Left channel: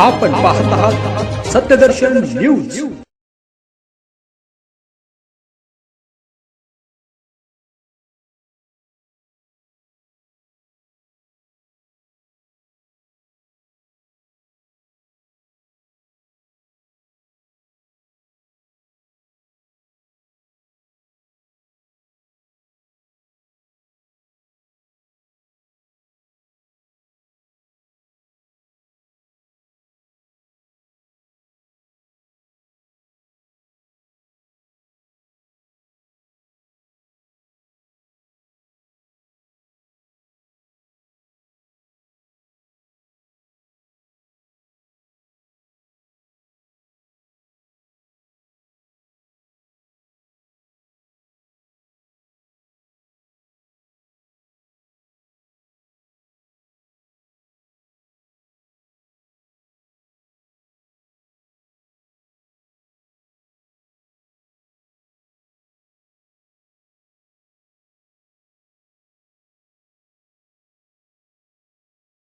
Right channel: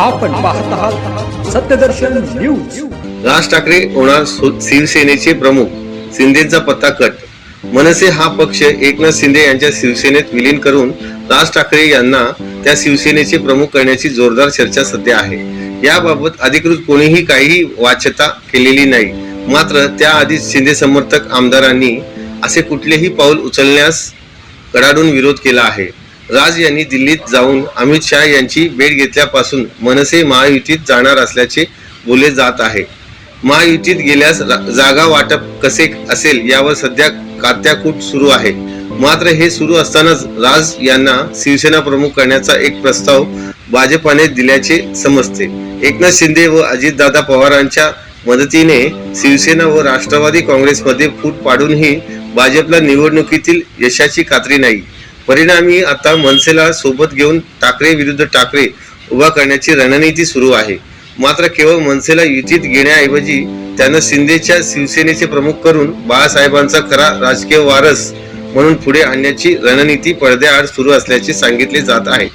आपण पाहत आहात सत्यदर्शन न्यूज। राज ठाकरे होणार शिवसेनेचे प्रमुख, शिंदेचा पत्ता कट। मनसे हा पक्ष एकनाथ शिंदे यांच्या शिवसेनेत विलीन करून राज ठाकरे यांना त्या शिवसेनेचे प्रमुख करण्याची जोरदार चर्चा सध्या आहे। याबाबत अधिकृत कोणीही काहीही वाच्यता केलेली नाही। मात्र त्याआधीच शिंदे समर्थक आमदारांनी असे कुठलेही पाऊल उचलण्यास कडाडून विरोध केला आहे। राज यांनी दिल्लीत जाऊन अमित शहा यांची भेट घेतल्यापासून मनसे महायुतीत जाणार असल्याचे बोलले जात आहे। महायुतीत गेल्यास जागा वाटप कसे असेल यावर सध्या कात्याकूट सुरू आहे। मात्र हे सुरू असतानाच राज यांना शिवसेना प्रमुख करण्याचा एक प्रस्ताव भाजपाने दिल्याचे समजते। एकनाथ शिंदे व अजितदादा पवारांच्या मदतीने शिवसेना व राष्ट्रवादी काँग्रेसमध्ये फूट पाडूनही भाजपला निवडणुकीतील यशाची खात्री नाही। परिणामी आता मनसेला सोबत घेऊन ठाकरे विरुद्ध ठाकरे उभा करण्याची रणनीती सुरू आहे। मात्र केवळ मनसेला युतीत घेण्याऐवजी त्यांना शिंदेच्या शिवसेनेचे प्रमुख करून बाळासाहेबांचा खरा राजकीय वारस म्हणून पुढे आणण्याची रणनीती पडद्याआड सुरू असल्याचे सांगितले जात आहे।